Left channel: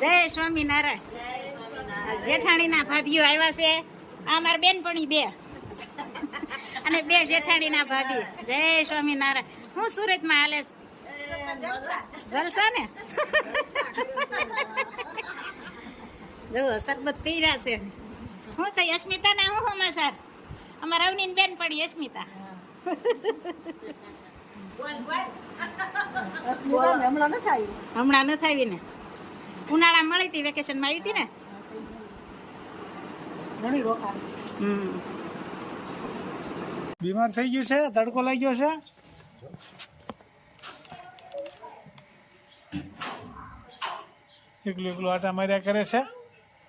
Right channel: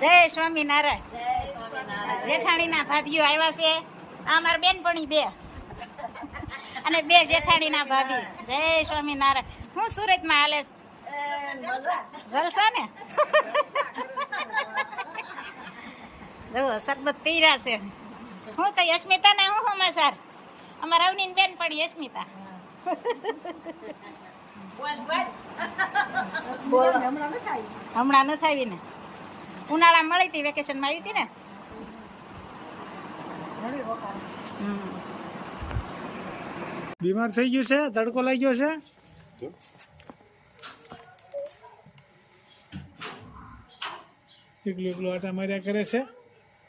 જય સ્વામિનારાયણ. જેઠાણીના ભાભીઓ આવ્યા છે. આ મારા બેનપણી બે. અને બે જેઠાણીના ભાભી. જય સ્વામિનારાયણ. હું સુરતમાં હાલે? જલસા ને? જો સરબત પીરા છે. હું તો અસ્મિતા ને હું સમાચાર અમારા અવની બેન પણ યશ્મિતા હમણાં નથી આવી ને? ઉનાળા મળી હતી વેકેશનમાં આવી હતી ને? બીમાર થઈ ગયું છે? તડકો લાગ્યો છે? એકલું એકલું આટા માર્યા કરે છે?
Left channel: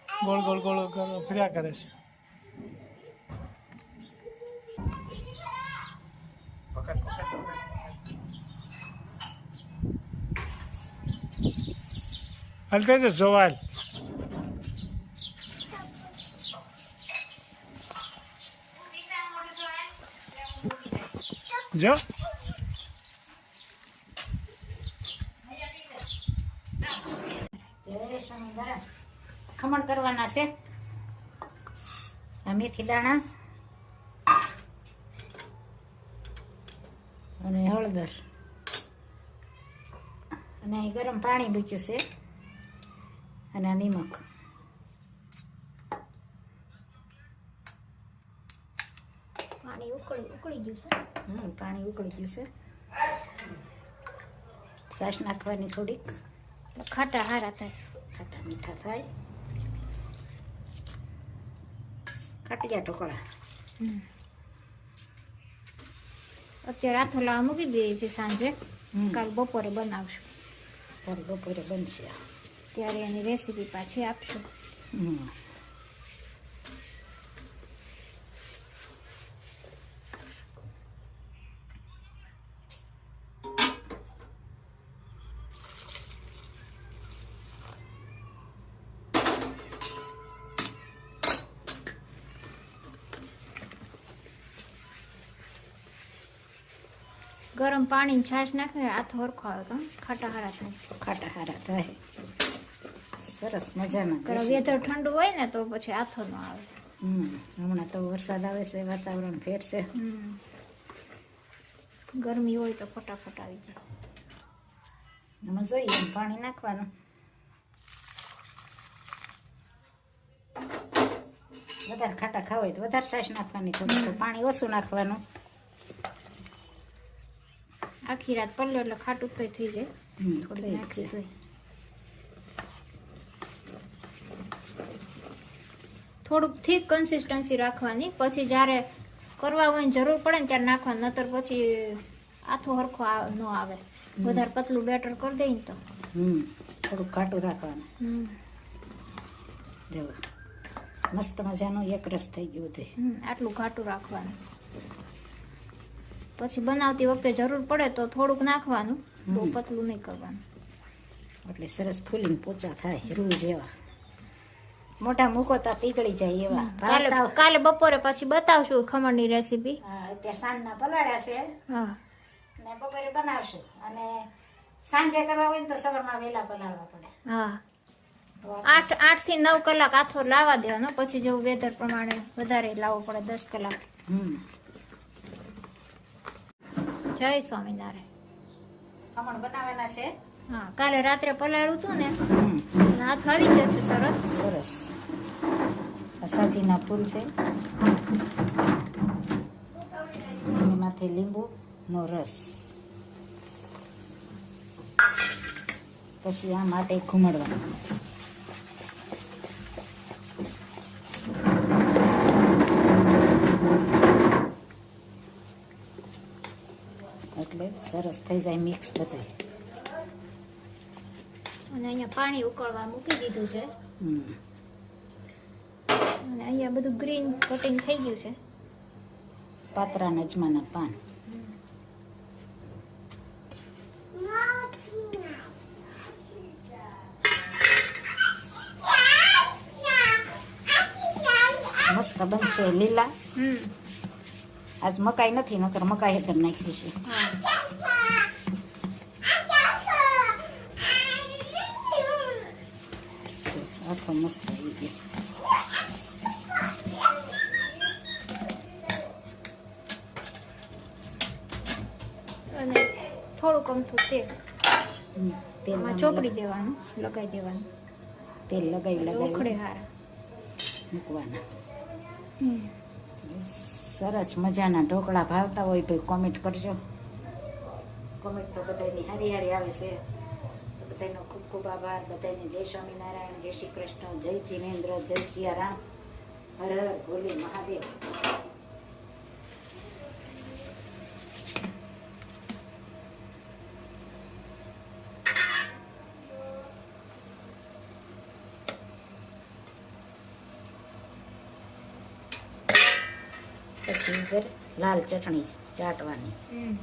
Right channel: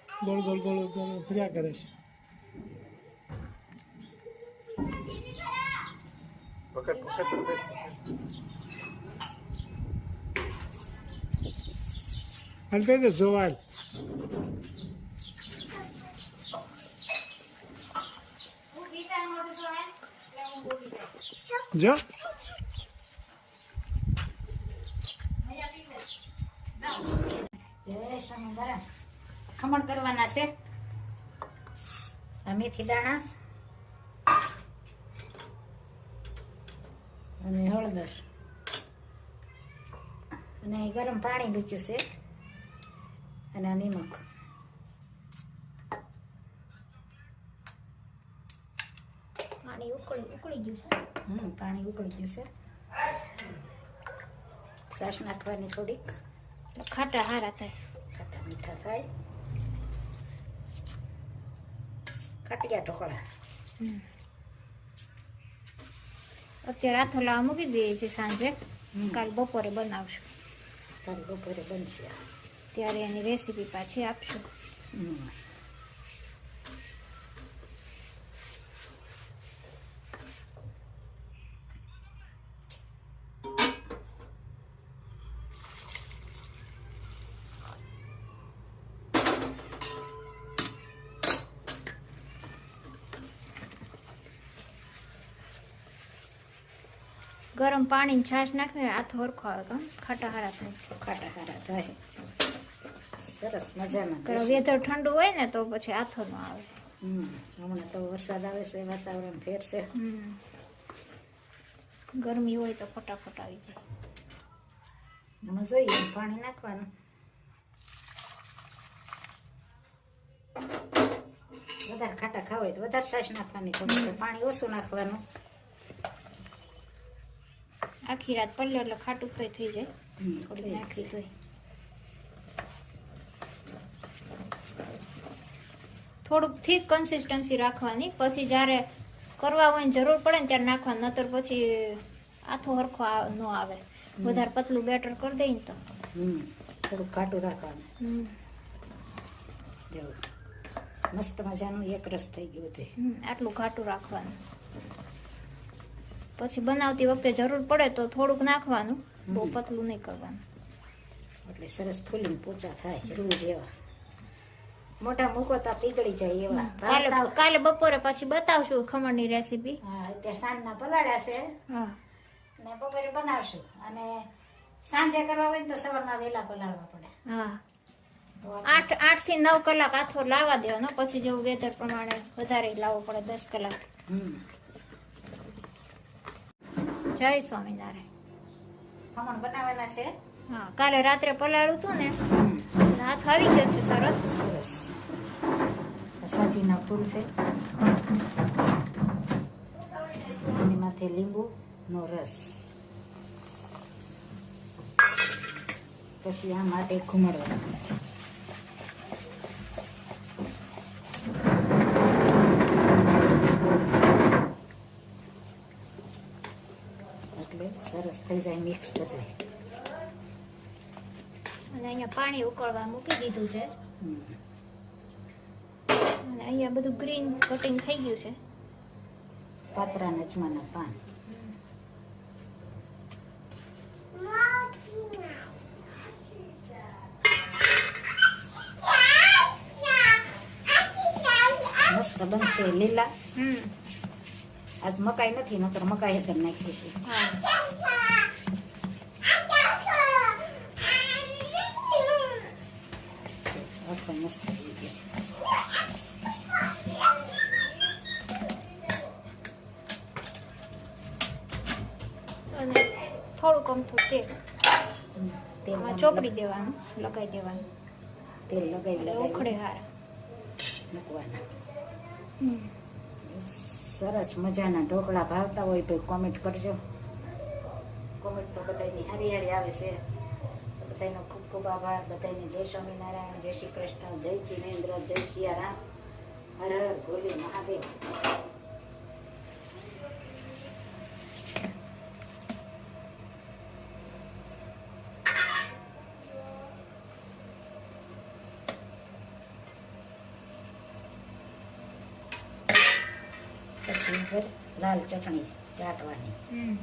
ગોળ ગોળ ગોળ ગોળ ફર્યા કરે છે? છે જોવાલ જો જય સ્વામિનારાયણ ખમણ કરવાના છે આ મેથી દાણા અને હળદર અને ગરમ પાણી મૂક્યું છે અને આ નિમક પાણી ઉકળી ઉકળી ગયું છે. હમ પાણી ઉકળી ગયું છે. છાશ નાખવાની થોડીક. ખાટા હારા થાય. ખાટા મીઠા થાય. ખાટિયા ઢોકળા. અત્યારે આથો લાવા મૂકી દઈએ છીએ સાંજે. કાલ બપોરે બનાવશું. કાલ બપોરે બનશે. ત્યારે એની રેસીપી પાછી આપશું. ગરમ પાણી છાશ નાખીને આથો હરખો આવે કાં ખાટા હારા થાય. ખાટા હારા થાય. સરસ મજામાં કારણ વેધર ઠંડુ હોય ને તો પછી આથો ન આવે. હમ હમણાં તો વરસાદ આવે છે વાતાવરણ ફેરશે હમ. ગરમી હોય તો ફટાફટ આવી જાય. એમાં જોઈએ પાણી નાખવાનું. વધારે ખાટા ખાવાય હોય તો વધારે સાસ નાખવાની થોડું પાણી ઓછું નાખવાનું. આખી રાત પલ્લો એટલે ખાટું તોય થઈ જાય. થોડી નાખી તોય. થોડુંક થીક કન્સિસ્ટન્સી રાખવાની. પછી જ્યારે કરવા હોય જરૂર પડે ને ત્યારે નાખવાનું નતર પછી આથો હરખો ન આવે. વધારે પતલું બેટર કરી દઈ ને તો. થોડુંક ઘાટું રાખવાનું. જેવું મસ્ત મજાનું એક રસ થઈ ગયું તે આટલું ઘાટું રાખવાનું. પછી બનાવતી વખતે જરૂર પડે તો થોડુંક નાખવાનું બહુ. પતલું નહીં કરવાનું. એટલે સરસ ફૂલીને પોચા થાય રૂ જેવા. મોટા મૂકો તો પીગળી જાય એવા. કાલે કાલે બપોરે પછી બતાવશું ખમણની રેસીપી હા અત્યારે સાંજના પલાળ્યા છે. હા. ને બપોરે બનાવશું. અને સાંજે કરવા હોય તો સવારમાં વહેલા પલાળવા પડે. હા. આઠ આઠથી નવ કલાક આથો લાવવા દેવાનો. પછી જેવું વેધર પ્રમાણે વધારે લાવવો પડે દસ કલાક. જય સ્વામિનારાયણ. ખમણ બનાવેલા છે. હા કાલે રાત્રે પલાળ્યું હતું ને? હમ અને હાથ આવી ગયો છે સરસ સરસ આ સાજીના ફૂલ છે એમાંથી લીંબુનો રસ પછી આ માટે ઘૂમડવાનું એટલે સરસ થઈ જાય મિક્સ બધાય અને પાણી ઉકળવા મૂકી દીધું છે. અને અહીંયા બધું ગ્રીન કટિંગ થઈ ગયું છે. પાતરા નજમાના પાન. મસ્ત બનશે લીલા. હમ. આજ મકાઈ નથી નકર મકાઈ કરી નાખી છે. આખો મસ્ત થઈ ગયો અને થોડુંક અમથું તેલ હમ, તેલ ચોપડી દેવાનું લગાવી દેવાનું તેલ લગાવી ઉખડે લગાવી હારા મૂકવાના સરસ મજાના ઢોકળા ભાવતા હોય તો કોમેન્ટ કરજો. કોમેન્ટ તો બધાની હારી હારી આવે છે. તો બધાનો ખૂબ ખૂબ આભાર. બધાને જય સ્વામિનારાયણ, જય શ્રી કૃષ્ણ, જય જીનેન્દ્ર, જય સિયારામ. હર હર ભોલે મહાદેવ. પછી લાલ ચટણી ચાટવાની હમ.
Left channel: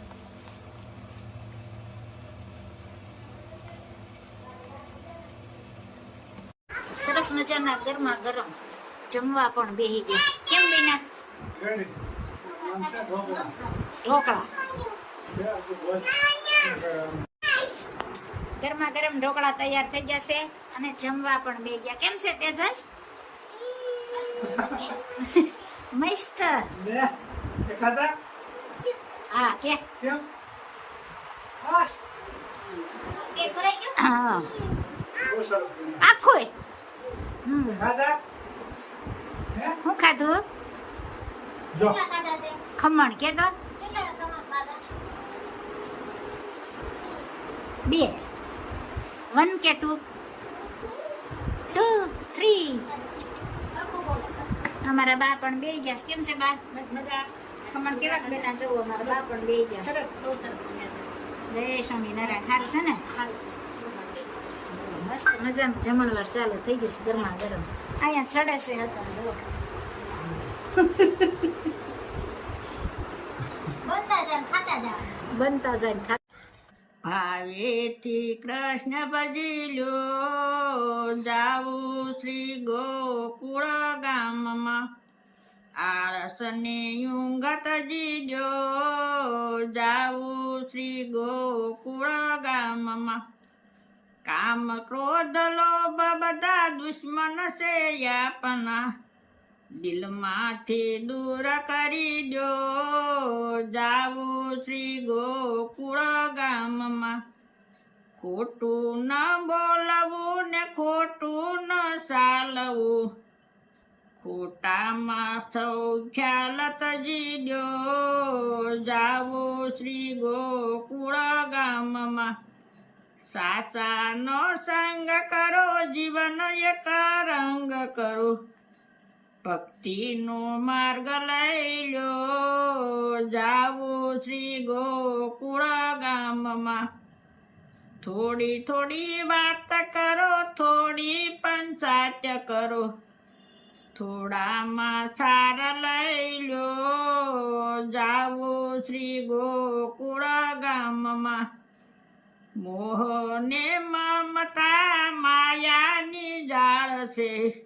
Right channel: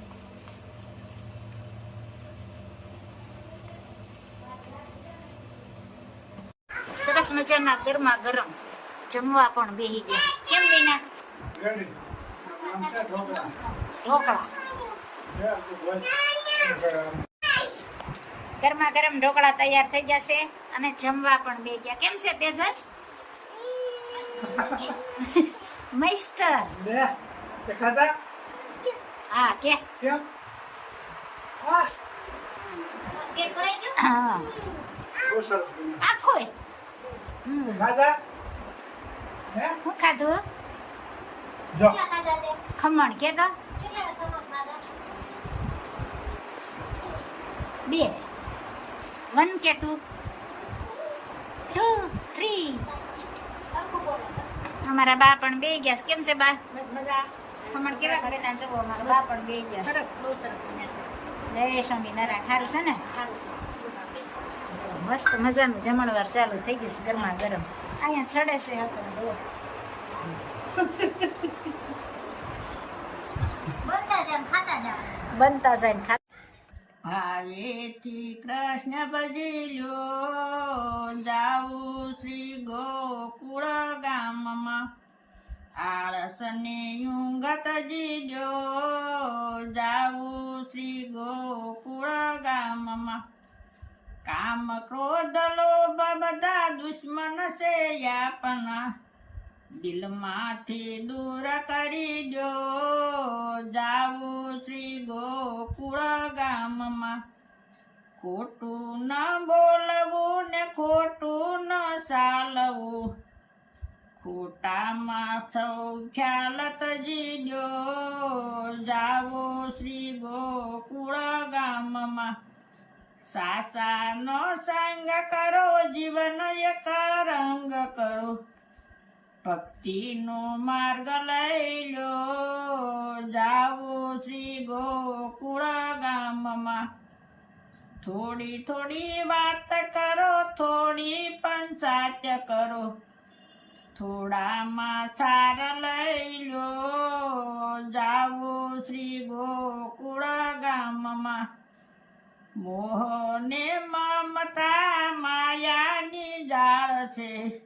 સરસ મજાના ગરમા ગરમ. જમવા પણ બેહી ગયા. કેમ બેના ઢોકળા. ગરમા ગરમ ઢોકળા તૈયાર થઈ ગયા છે અને જમવા પણ બે ગયા. કેમ છે તેજસ? મસ્ત. હા કે. આખું હે? ખાધું? જો. ખમણ કે તો બે. વન કે ટુ? Two three. અમારા બા પણ બે ગયા કેમ છે બા? ખમણ કેવા બના જવો અમારા બા પણ બે ગયા. જય સ્વામિનારાયણ સારું છે ને? મસ્ત મજાનું જમણવાર ચાલુ થઈ ગયું છે ગરમા ગરમ. અહીંયા ચડે છે જુઓ. બનતા જાય ખાતા. ભાવેથી કૃષ્ણ ભજી લ્યો જાવું શ્રી ગોકુળ ગામમાં. આળસને યુંગત જીજો જાવું શ્રી ગોકુળ ગામમાં. કામ ક્રોધ લોભ બધા દુશ્મન છે યાપના દિલમાંથી દૂર કરી દો. જાવું શ્રી ગોકુળ ગામમાં. ખોટું ન બોલવું ને ખોટું ન ચાલવું. ખોટામાં સૌ ખ્યાલ તજી દો. જાવો શ્રી ગોકુળ ગામમાં. સાસાનો સંગ કરો, જીવન એક રંગ કરો. ભક્તિનો માર્ગ લઈ લો. જાવો શ્રી ગોકુળ ગામમાં. થોડી થોડી વાત કરો, થોડી પણ સાચ કરો. થોડામાં સાર લઈ લો. જાવો શ્રી ગોકુળ ગામમાં. મોહને મમતા માયાની જાળ છે.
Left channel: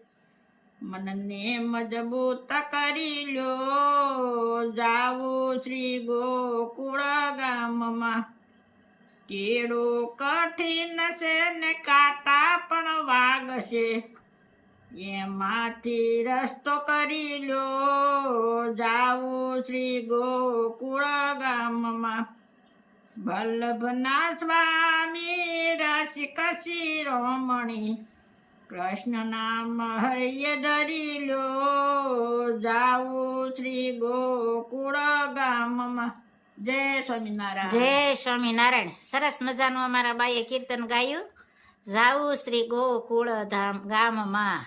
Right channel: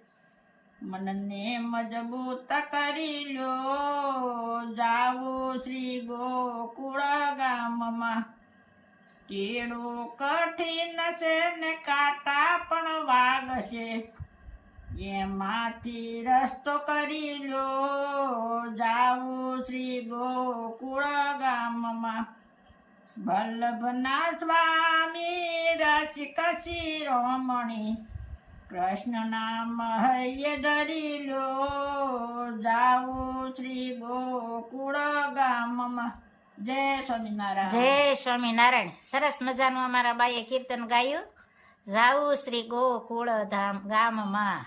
મનને મજબૂત કરી લો. જાવું શ્રી ગોકુળ ગામમાં. કેળો કઠિન છે ને કાંટા પણ વાગશે. એમાંથી રસ્તો કરી લો. જાવું શ્રી ગોકુળ ગામમાં. વલ્લભના સ્વામી રસિક શિરોમણી કૃષ્ણ નામ હૈય ધરી લો જાઉ શ્રી ગોકુળ ગામમાં. જય સ્વામિનારાયણ. જય સ્વામિનારાયણ. સરસ મજાનું અમારા બાઈએ કીર્તન ગાયું. જાવું શ્રી ગોકુળ ધામ ગામમાં.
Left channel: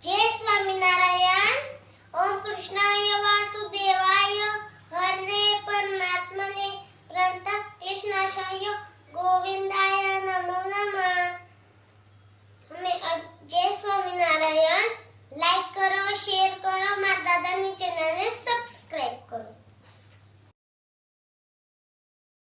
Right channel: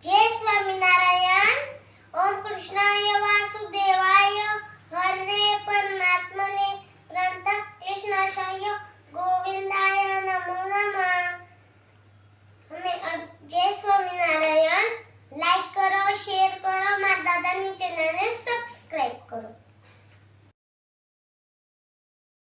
જય સ્વામિનારાયણ. ઓમ કૃષ્ણાય વાસુદેવાય